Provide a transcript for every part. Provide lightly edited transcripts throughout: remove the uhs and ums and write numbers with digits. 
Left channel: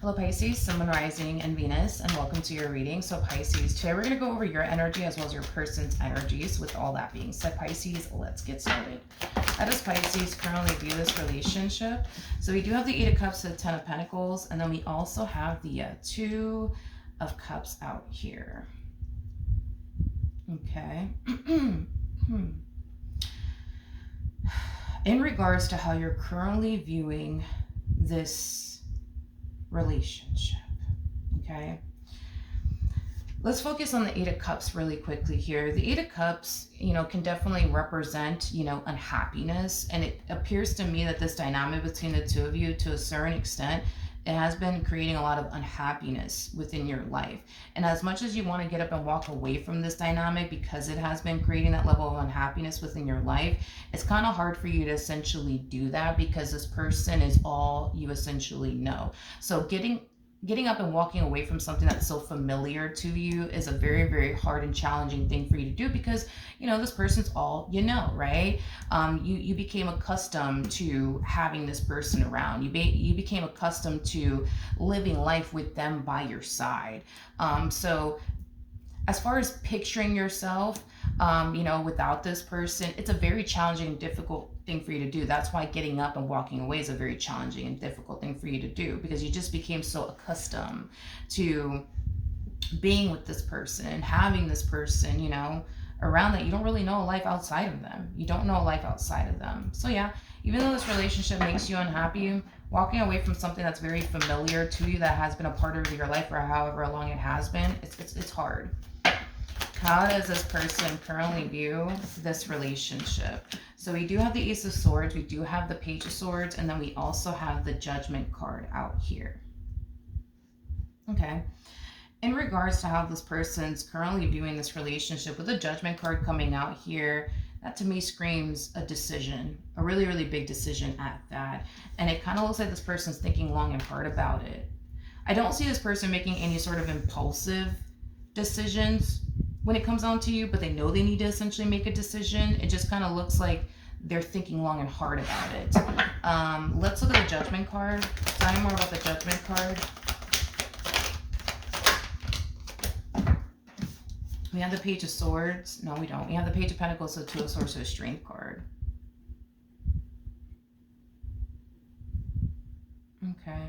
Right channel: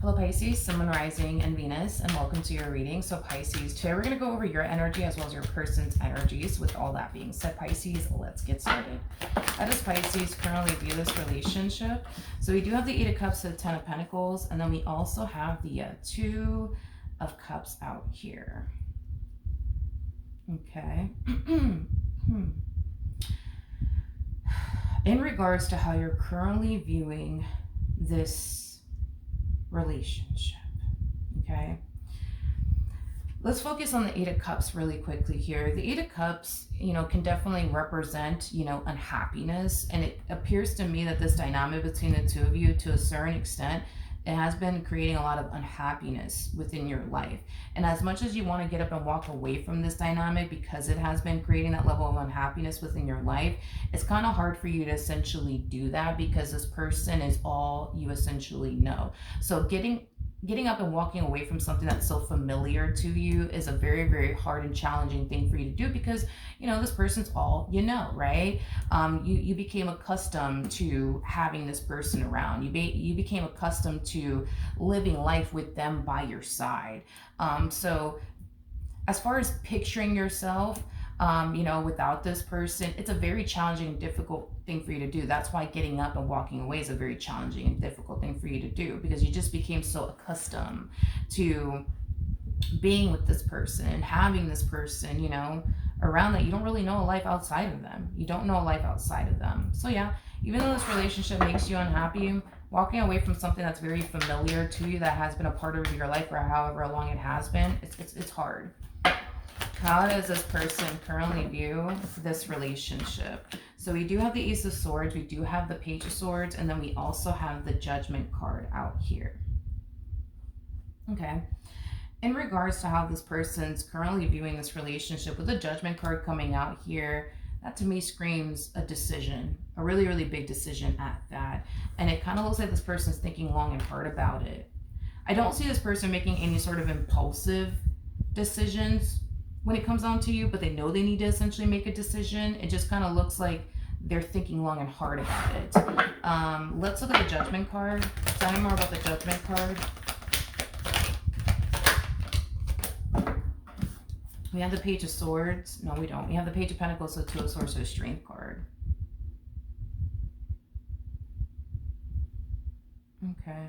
Hello Pisces, Sun, Moon, Rising, and Venus, and welcome to your reading. So Pisces, today we're going to go over your energy as well as your person's energies. With all that being said, Pisces, let's get started. How does Pisces currently view this relationship? So we do have the Eight of Cups, the Ten of Pentacles, and then we also have the Two of Cups out here. Okay. In regards to how you're currently viewing this relationship, okay, let's focus on the Eight of Cups really quickly here. The Eight of Cups, can definitely represent, unhappiness, and it appears to me that this dynamic between the two of you, to a certain extent, it has been creating a lot of unhappiness within your life. And as much as you want to get up and walk away from this dynamic because it has been creating that level of unhappiness within your life, it's kind of hard for you to essentially do that because this person is all you essentially know. So getting up and walking away from something that's so familiar to you is a very, very hard and challenging thing for you to do because, this person's all you know, right? You became accustomed to having this person around. You became accustomed to living life with them by your side. So as far as picturing yourself, without this person, it's a very challenging and difficult thing for you to do. That's why getting up and walking away is a very challenging and difficult thing for you to do, because you just became so accustomed to being with this person and having this person, around, that you don't really know a life outside of them. You don't know a life outside of them. So yeah, even though this relationship makes you unhappy, walking away from something that's very familiar to you, that has been a part of your life for however long it has been, it's hard. How does this person currently view this relationship? So we do have the Ace of Swords, we do have the Page of Swords, and then we also have the Judgment card out here. Okay. In regards to how this person's currently viewing this relationship, with the Judgment card coming out here, that to me screams a decision, a really, really big decision at that. And it kind of looks like this person's thinking long and hard about it. I don't see this person making any sort of impulsive decisions when it comes down to you, but they know they need to essentially make a decision. It just kind of looks like they're thinking long and hard about it. Let's look at the Judgment card. Tell me more about the Judgment card. We have the Page of Swords. No, we don't. We have the Page of Pentacles, so Two of Swords, so a Strength card. Okay.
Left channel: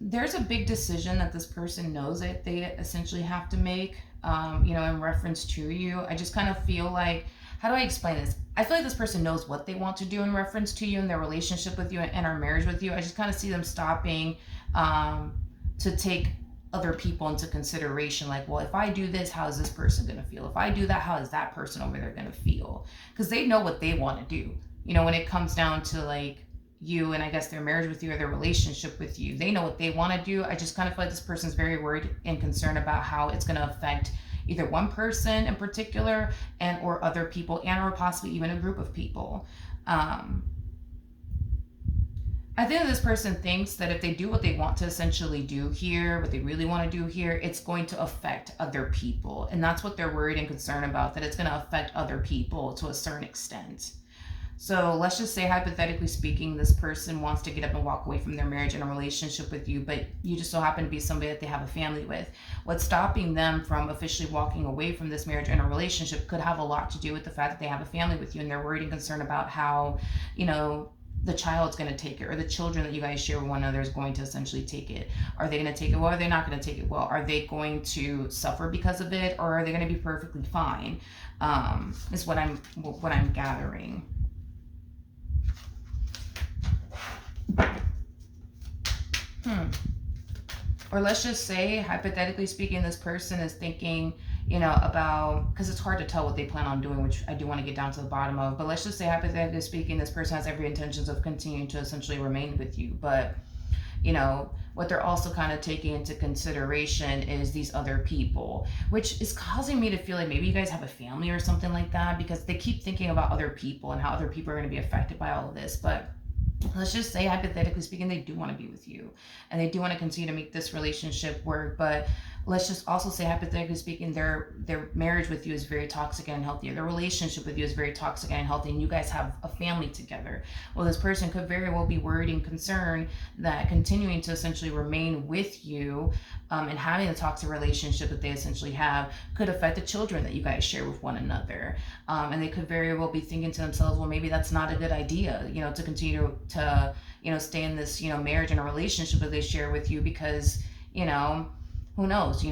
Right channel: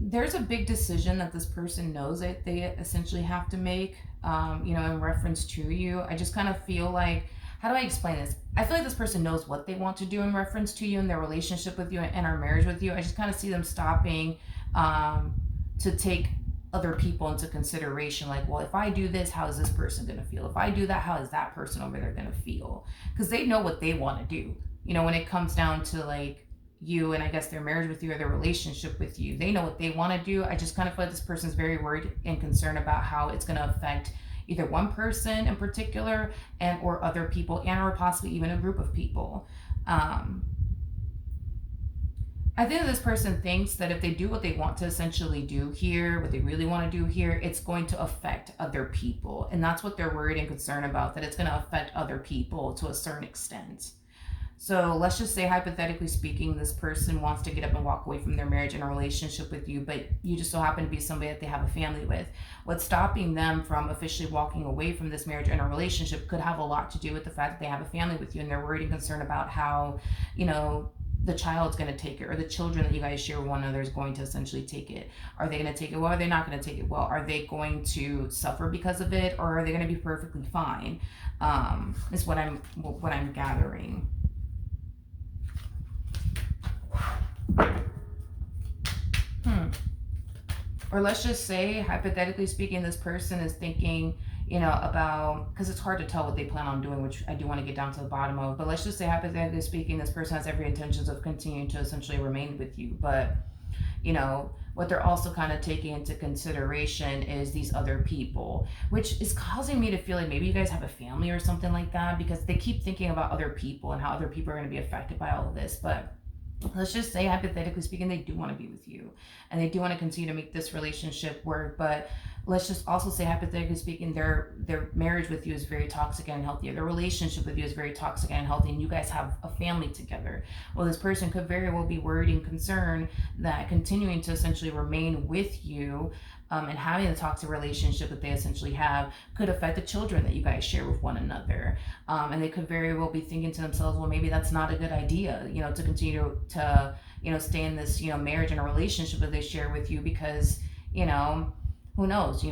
There's a big decision that this person knows that they essentially have to make, in reference to you. I just kind of feel like, how do I explain this? I feel like this person knows what they want to do in reference to you and their relationship with you and our marriage with you. I just kind of see them stopping to take other people into consideration. Like, well, if I do this, how is this person going to feel? If I do that, how is that person over there going to feel? Because they know what they want to do. When it comes down to like you and I guess their marriage with you or their relationship with you, they know what they want to do. I just kind of feel like this person's very worried and concerned about how it's going to affect either one person in particular and or other people, and or possibly even a group of people. I think that this person thinks that if they do what they want to essentially do here, what they really want to do here, it's going to affect other people. And that's what they're worried and concerned about, that it's going to affect other people to a certain extent. So let's just say, hypothetically speaking, this person wants to get up and walk away from their marriage and a relationship with you, but you just so happen to be somebody that they have a family with. What's stopping them from officially walking away from this marriage and a relationship could have a lot to do with the fact that they have a family with you, and they're worried and concerned about how, the child's going to take it, or the children that you guys share with one another is going to essentially take it. Are they going to take it well? Are they not going to take it well? Are they going to suffer because of it, or are they going to be perfectly fine? Is what I'm gathering. Or let's just say, hypothetically speaking, this person is thinking, about, because it's hard to tell what they plan on doing, which I do want to get down to the bottom of, but let's just say, hypothetically speaking, this person has every intentions of continuing to essentially remain with you, but what they're also kind of taking into consideration is these other people, which is causing me to feel like maybe you guys have a family or something like that, because they keep thinking about other people and how other people are going to be affected by all of this. But let's just say, hypothetically speaking, they do want to be with you and they do want to continue to make this relationship work, but let's just also say, hypothetically speaking, their marriage with you is very toxic and unhealthy, or their relationship with you is very toxic and unhealthy, and you guys have a family together. Well, this person could very well be worried and concerned that continuing to essentially remain with you, and having the toxic relationship that they essentially have, could affect the children that you guys share with one another. And they could very well be thinking to themselves, well, maybe that's not a good idea, to continue to stay in this, marriage and a relationship that they share with you, because, who knows,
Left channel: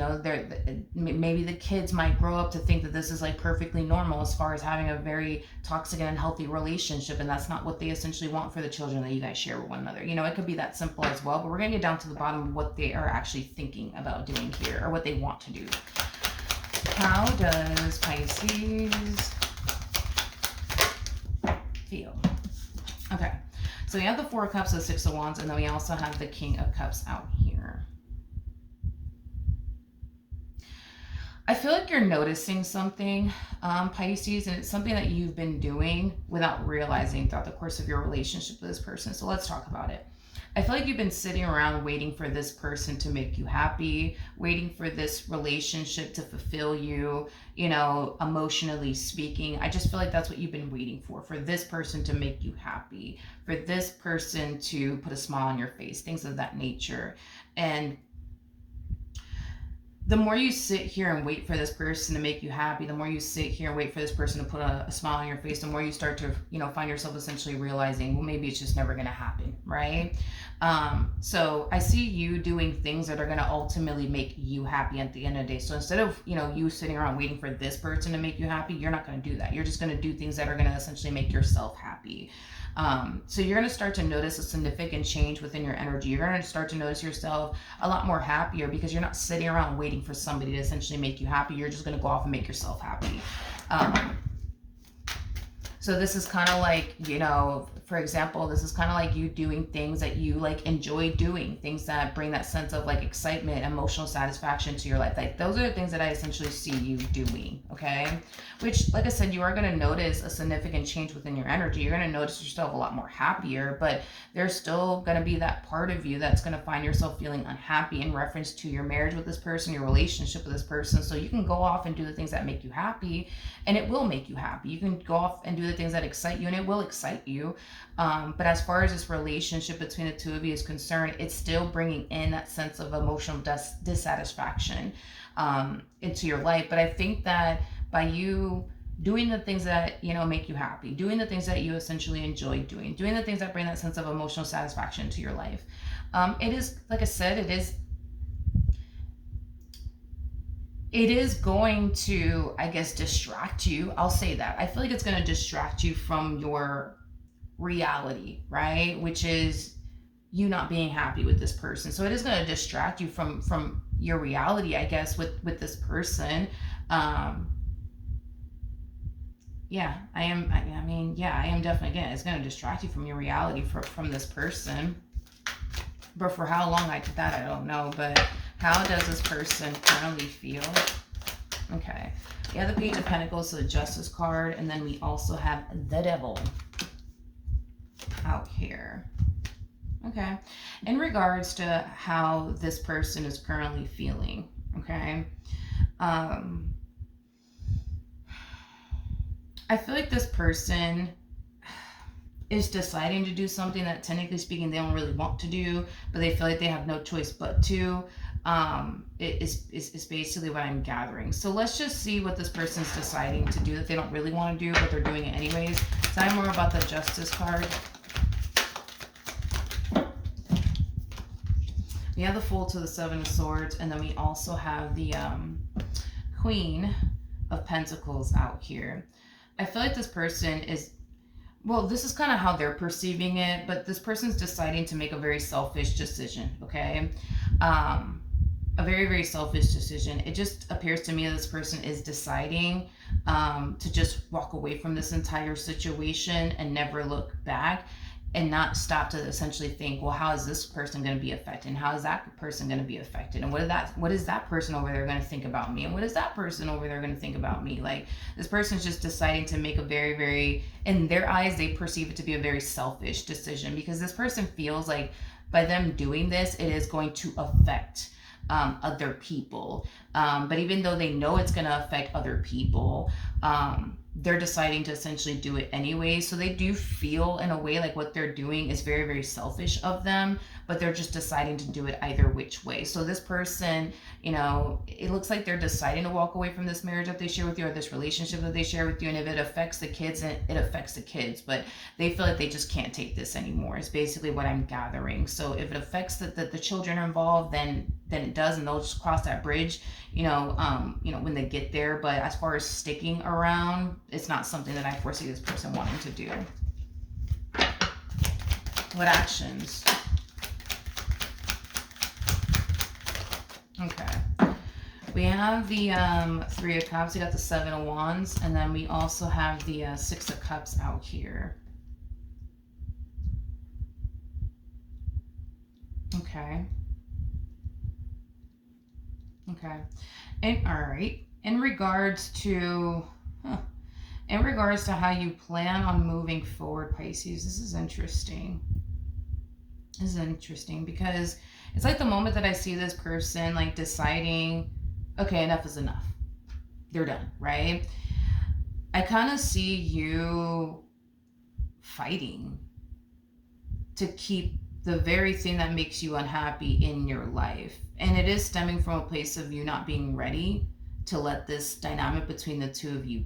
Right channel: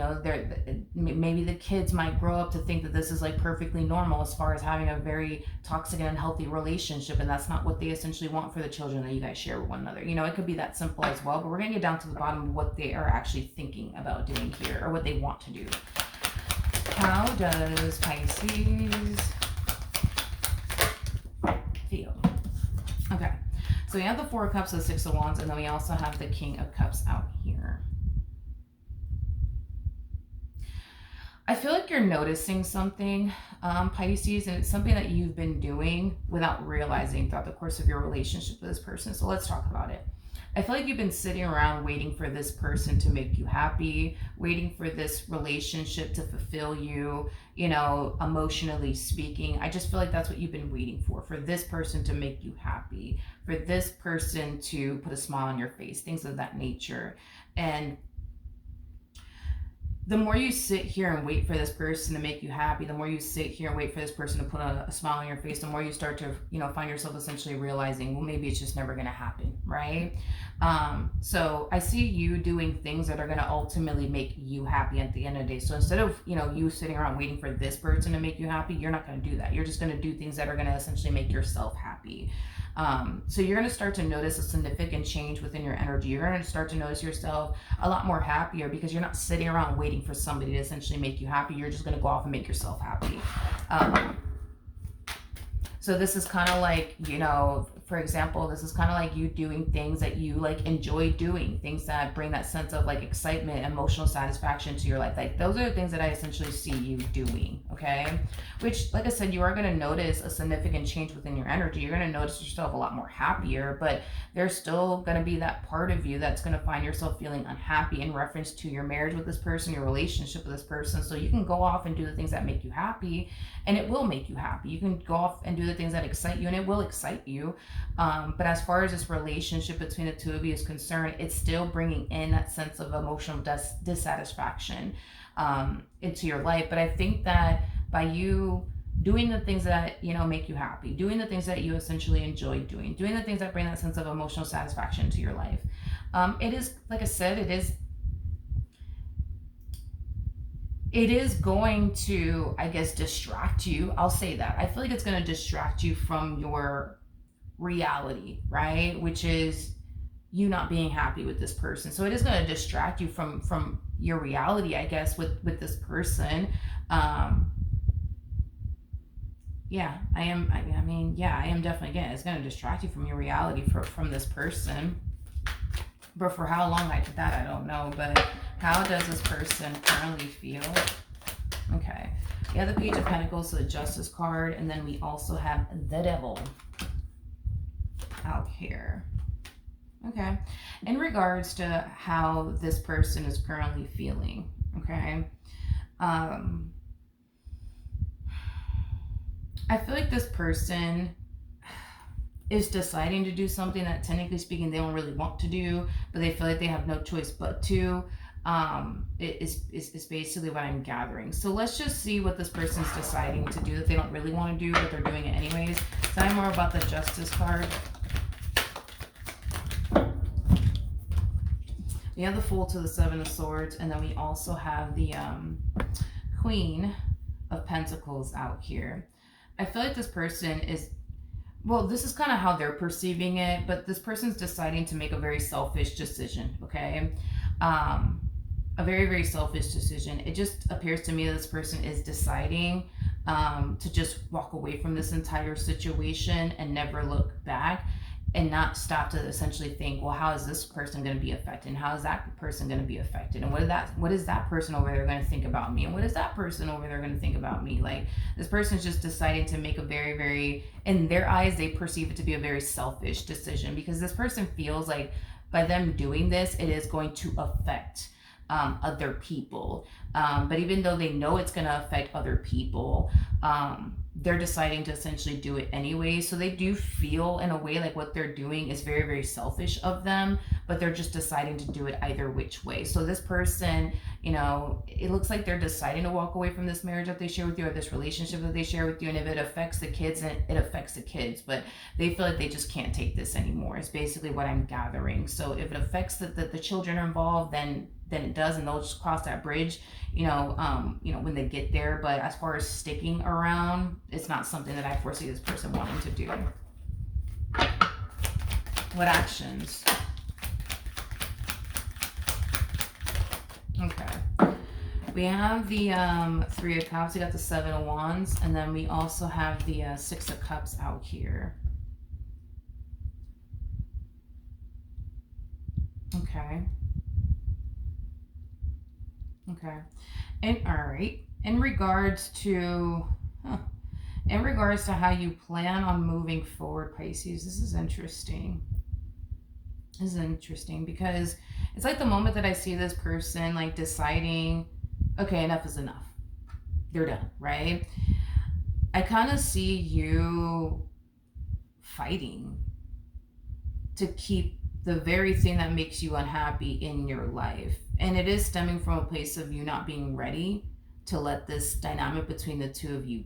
maybe the kids might grow up to think that this is like perfectly normal as far as having a very toxic and unhealthy relationship, and that's not what they essentially want for the children that you guys share with one another. It could be that simple as well, but we're going to get down to the bottom of what they are actually thinking about doing here, or what they want to do. How does Pisces feel? Okay, so we have the Four of Cups, the Six of Wands, and then we also have the King of Cups out here. I feel like you're noticing something, Pisces, and it's something that you've been doing without realizing throughout the course of your relationship with this person. So let's talk about it. I feel like you've been sitting around waiting for this person to make you happy, waiting for this relationship to fulfill you, emotionally speaking. I just feel like that's what you've been waiting for this person to make you happy, for this person to put a smile on your face, things of that nature. And the more you sit here and wait for this person to make you happy, the more you sit here and wait for this person to put a smile on your face, the more you start to, find yourself essentially realizing, well, maybe it's just never going to happen, right? So I see you doing things that are going to ultimately make you happy at the end of the day. So instead of, you sitting around waiting for this person to make you happy, you're not going to do that. You're just going to do things that are going to essentially make yourself happy. So you're going to start to notice a significant change within your energy. You're going to start to notice yourself a lot more happier, because you're not sitting around waiting for somebody to essentially make you happy. You're just going to go off and make yourself happy. So this is kind of like, for example, this is kind of like you doing things that you like enjoy doing, things that bring that sense of like excitement, emotional satisfaction to your life. Like those are the things that I essentially see you doing, okay? Which, like I said, you are going to notice a significant change within your energy. You're going to notice yourself a lot more happier, but there's still going to be that part of you that's going to find yourself feeling unhappy in reference to your marriage with this person, your relationship with this person. So you can go off and do the things that make you happy, and it will make you happy. You can go off and do the things that excite you, and it will excite you. But as far as this relationship between the two of you is concerned, it's still bringing in that sense of emotional dissatisfaction into your life. But I think that by you doing the things that, make you happy, doing the things that you essentially enjoy doing the things that bring that sense of emotional satisfaction to your life, it is, like I said, it is going to, I guess, distract you. I'll say that. I feel like it's going to distract you from your reality, right? Which is you not being happy with this person. So it is going to distract you from your reality, I guess, with this person. Yeah, I am definitely, again, it's going to distract you from your reality from this person. But for how long, I don't know. But how does this person currently feel? Okay. We have the Page of Pentacles, so the Justice card, and then we also have the Devil out here. Okay. In regards to how this person is currently feeling, okay? I feel like this person is deciding to do something that, technically speaking, they don't really want to do, but they feel like they have no choice but to. Is basically what I'm gathering. So let's just see what this person's deciding to do that they don't really want to do, but they're doing it anyways. Tell me more about the Justice card. We have the Fool to the Seven of Swords, and then we also have the Queen of Pentacles out here. I feel like this person is, well, this is kind of how they're perceiving it, but this person's deciding to make a very selfish decision, okay? A very, very selfish decision. It just appears to me that this person is deciding to just walk away from this entire situation and never look back, and not stop to essentially think, well, how is this person going to be affected? And how is that person going to be affected? And what is that person over there going to think about me? And what is that person over there going to think about me? Like, this person's just deciding to make a very, very, in their eyes, they perceive it to be a very selfish decision, because this person feels like by them doing this, it is going to affect other people. But even though they know it's going to affect other people, they're deciding to essentially do it anyway. So they do feel in a way like what they're doing is very, very selfish of them, but they're just deciding to do it either which way. So this person, it looks like they're deciding to walk away from this marriage that they share with you, or this relationship that they share with you. And if it affects the kids, it affects the kids, but they feel like they just can't take this anymore, is basically what I'm gathering. So if it affects the children are involved, then it does, and they'll just cross that bridge, when they get there. But as far as sticking around, it's not something that I foresee this person wanting to do. What actions? Okay. We have the 3 of Cups. We got the 7 of Wands. And then we also have the 6 of Cups out here. Okay. Okay. And all right. In regards to how you plan on moving forward, Pisces, this is interesting. This is interesting because it's like the moment that I see this person like deciding, okay, enough is enough. They're done, right? I kind of see you fighting to keep the very thing that makes you unhappy in your life. And it is stemming from a place of you not being ready to let this dynamic between the two of you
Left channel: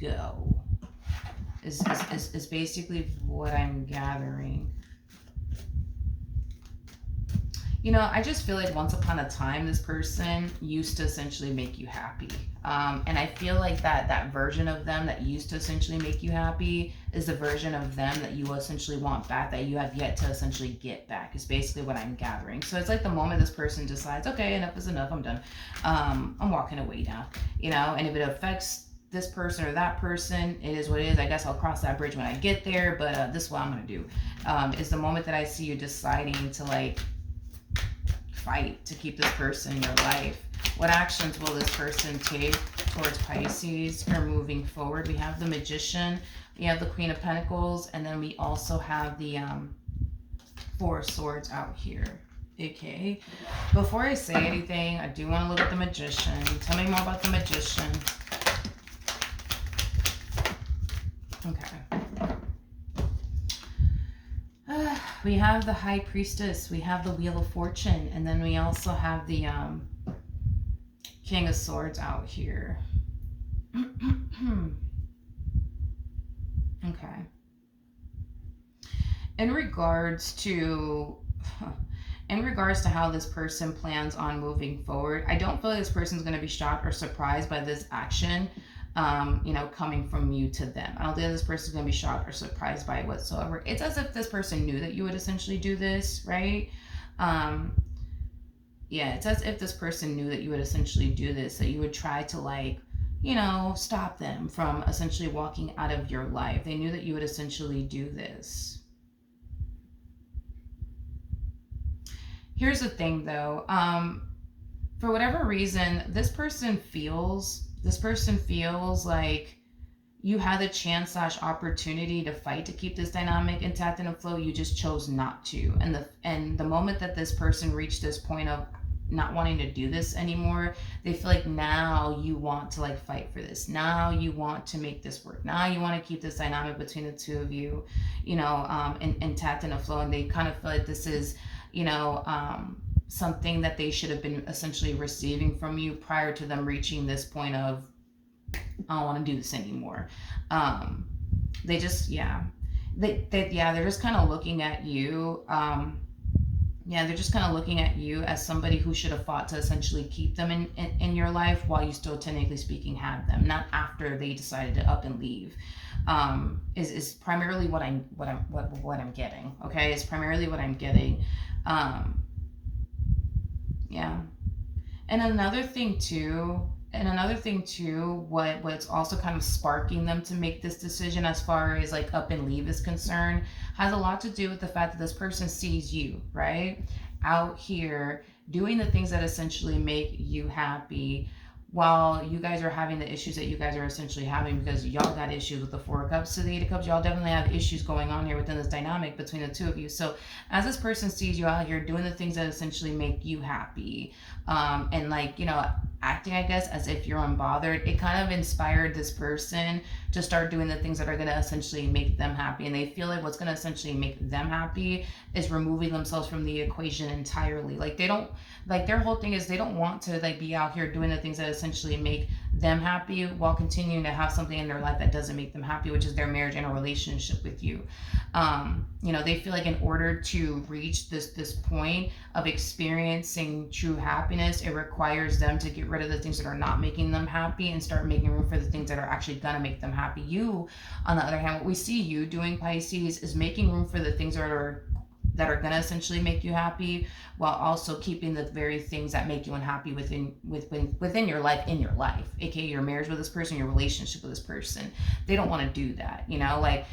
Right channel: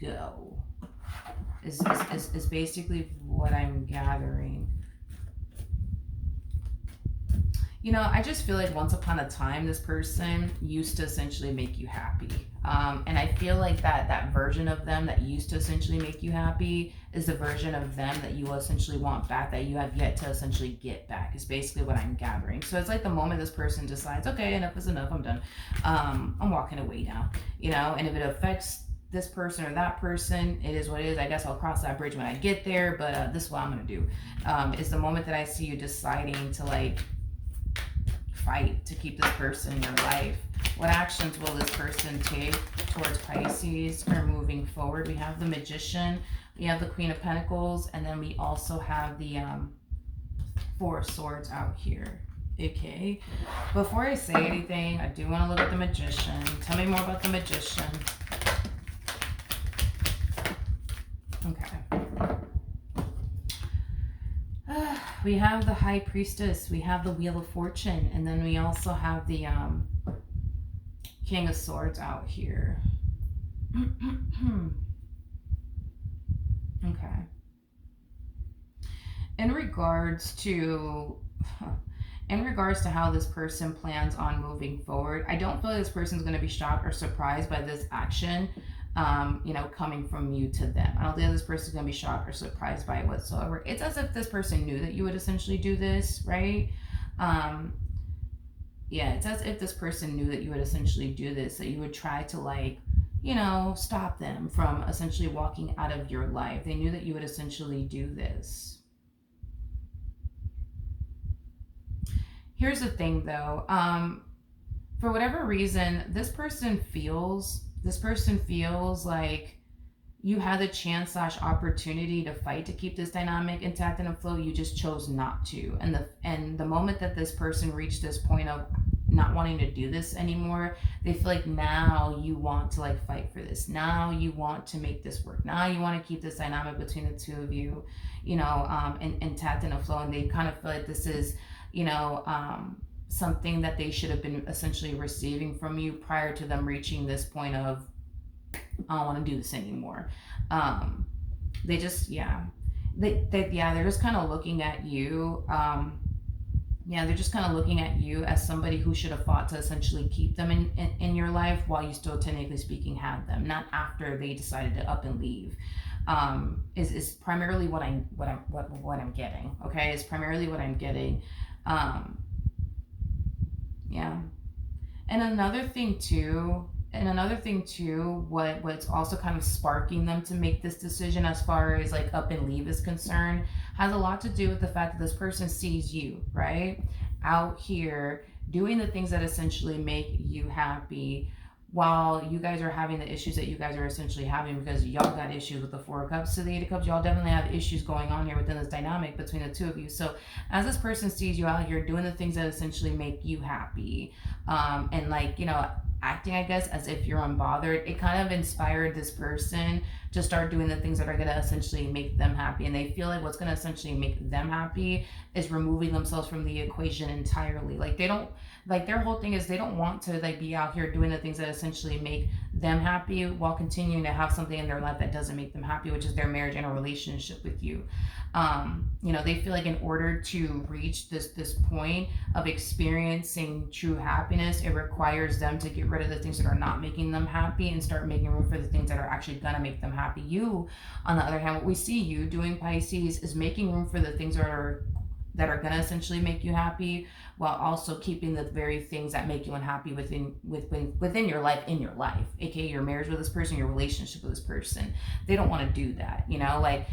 go. Is basically what I'm gathering. I just feel like once upon a time, this person used to essentially make you happy. And I feel like that version of them that used to essentially make you happy is the version of them that you essentially want back, that you have yet to essentially get back, is basically what I'm gathering. So it's like the moment this person decides, okay, enough is enough, I'm done. I'm walking away now, and if it affects this person or that person, it is what it is. I guess I'll cross that bridge when I get there, but this is what I'm going to do. Is the moment that I see you deciding to like fight to keep this person in your life. What actions will this person take towards Pisces or moving forward? We have the Magician, we have the Queen of Pentacles, and then we also have the 4 of Swords out here. Okay. Before I say anything, I do want to look at the Magician. Tell me more about the Magician. Okay. We have the High Priestess, we have the Wheel of Fortune, and then we also have the King of Swords out here. Okay. In regards to how this person plans on moving forward, I don't feel like this person is going to be shocked or surprised by this action. Coming from you to them. I don't think this person is going to be shocked or surprised by it whatsoever. It's as if this person knew that you would essentially do this, right? It's as if this person knew that you would essentially do this, that you would try to stop them from essentially walking out of your life. They knew that you would essentially do this. Here's the thing though, for whatever reason, this person feels like you had the chance / opportunity to fight to keep this dynamic intact and afloat. You just chose not to. And the moment that this person reached this point of not wanting to do this anymore, they feel like now you want to fight for this. Now you want to make this work. Now you want to keep this dynamic between the two of you, intact and afloat. And they kind of feel like this is, something that they should have been essentially receiving from you prior to them reaching this point of, I don't want to do this anymore. They're just kind of looking at you. They're just kind of looking at you as somebody who should have fought to essentially keep them in your life while you still, technically speaking, had them, not after they decided to up and leave. Is primarily what I'm getting. Okay, it's primarily what I'm getting. And another thing too, what's also kind of sparking them to make this decision as far as up and leave is concerned, has a lot to do with the fact that this person sees you, right? Out here doing the things that essentially make you happy while you guys are having the issues that you guys are essentially having, because y'all got issues with the Four of Cups to the Eight of Cups, y'all definitely have issues going on here within this dynamic between the two of you. So as this person sees you out here doing the things that essentially make you happy, and like, you know, acting, I guess, as if you're unbothered, it kind of inspired this person to start doing the things that are going to essentially make them happy. And they feel like what's going to essentially make them happy is removing themselves from the equation entirely. Like they don't, like their whole thing is they don't want to like be out here doing the things that essentially make them happy while continuing to have something in their life that doesn't make them happy, which is their marriage and a relationship with you. You know, they feel like in order to reach this point of experiencing true happiness, it requires them to get rid of the things that are not making them happy and start making room for the things that are actually gonna make them happy. You, on the other hand, what we see you doing, Pisces, is making room for the things that are going to essentially make you happy, while also keeping the very things that make you unhappy within your life, in your life, aka your marriage with this person, your relationship with this person. They don't want to do that, you know, like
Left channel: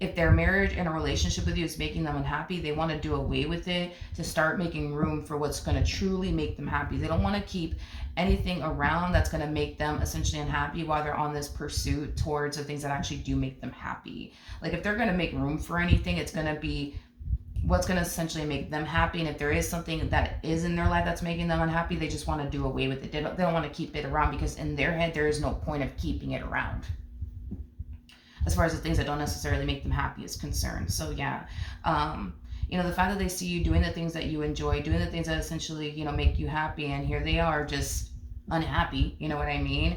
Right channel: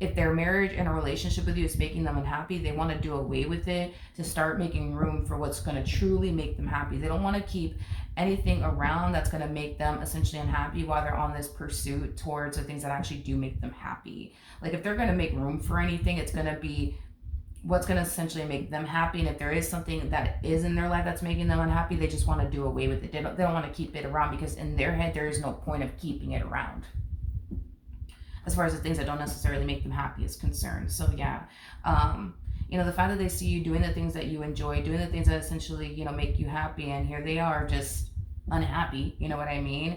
if their marriage and a relationship with you is making them unhappy, they want to do away with it to start making room for what's going to truly make them happy. They don't want to keep anything around that's going to make them essentially unhappy while they're on this pursuit towards the things that actually do make them happy. Like if they're going to make room for anything, it's going to be what's going to essentially make them happy. And if there is something that is in their life that's making them unhappy, they just want to do away with it. They don't want to keep it around, because in their head there is no point of keeping it around as far as the things that don't necessarily make them happy is concerned. So yeah, you know, the fact that they see you doing the things that you enjoy, doing the things that essentially, you know, make you happy, and here they are just unhappy, you know what I mean?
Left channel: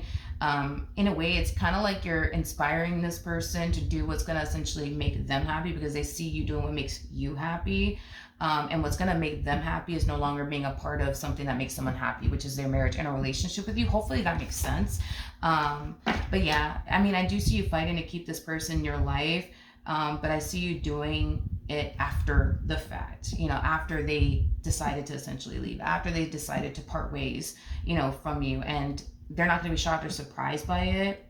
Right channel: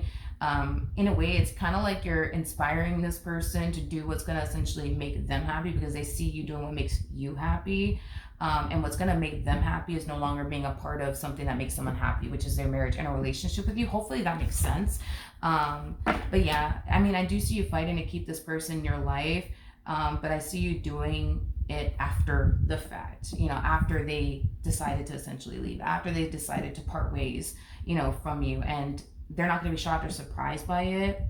In a way, it's kind of like you're inspiring this person to do what's going to essentially make them happy, because they see you doing what makes you happy. And what's going to make them happy is no longer being a part of something that makes them unhappy, which is their marriage and a relationship with you. Hopefully that makes sense. But yeah, I mean, I do see you fighting to keep this person in your life. But I see you doing it after the fact, you know, after they decided to essentially leave, after they decided to part ways, you know, from you. And they're not going to be shocked or surprised by it.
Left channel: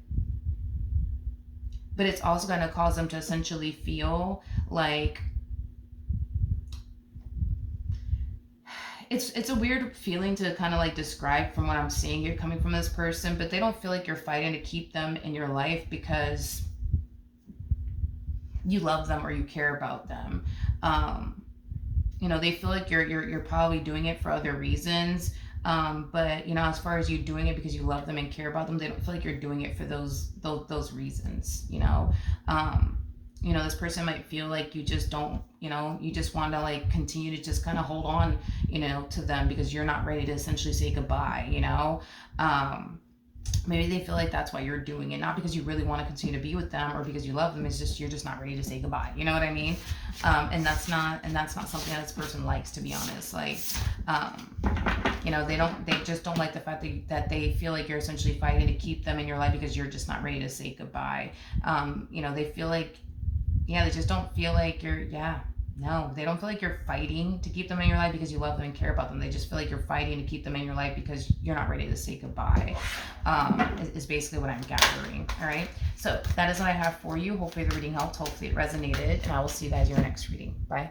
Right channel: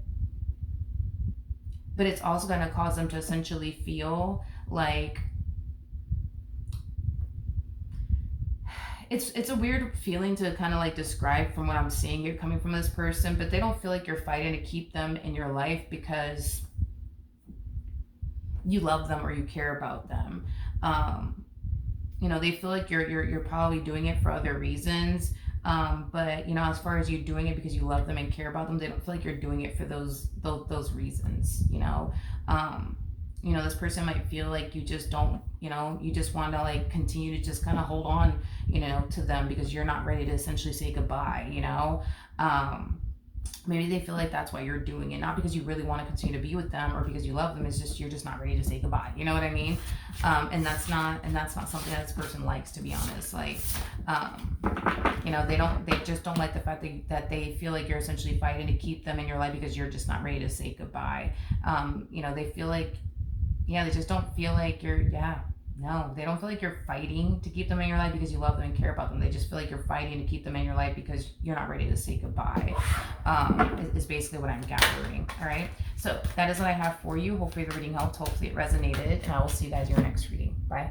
But it's also going to cause them to essentially feel like it's a weird feeling to kind of like describe from what I'm seeing here coming from this person, but they don't feel like you're fighting to keep them in your life because you love them or you care about them. You know, they feel like you're probably doing it for other reasons. But you know, as far as you doing it because you love them and care about them, they don't feel like you're doing it for those reasons, you know. You know, this person might feel like you just don't, you know, you just want to like continue to just kind of hold on, you know, to them because you're not ready to essentially say goodbye, you know. Maybe they feel like that's why you're doing it, not because you really want to continue to be with them or because you love them. It's just you're just not ready to say goodbye. You know what I mean? And that's not something that this person likes, to be honest. Like, you know, they just don't like the fact that they feel like you're essentially fighting to keep them in your life because you're just not ready to say goodbye. You know, they feel like, yeah, they just don't feel like no, they don't feel like you're fighting to keep them in your life because you love them and care about them. They just feel like you're fighting to keep them in your life because you're not ready to say goodbye, is basically what I'm gathering. All right. So that is what I have for you. Hopefully the reading helped. Hopefully it resonated. And I will see you guys in your next reading. Bye.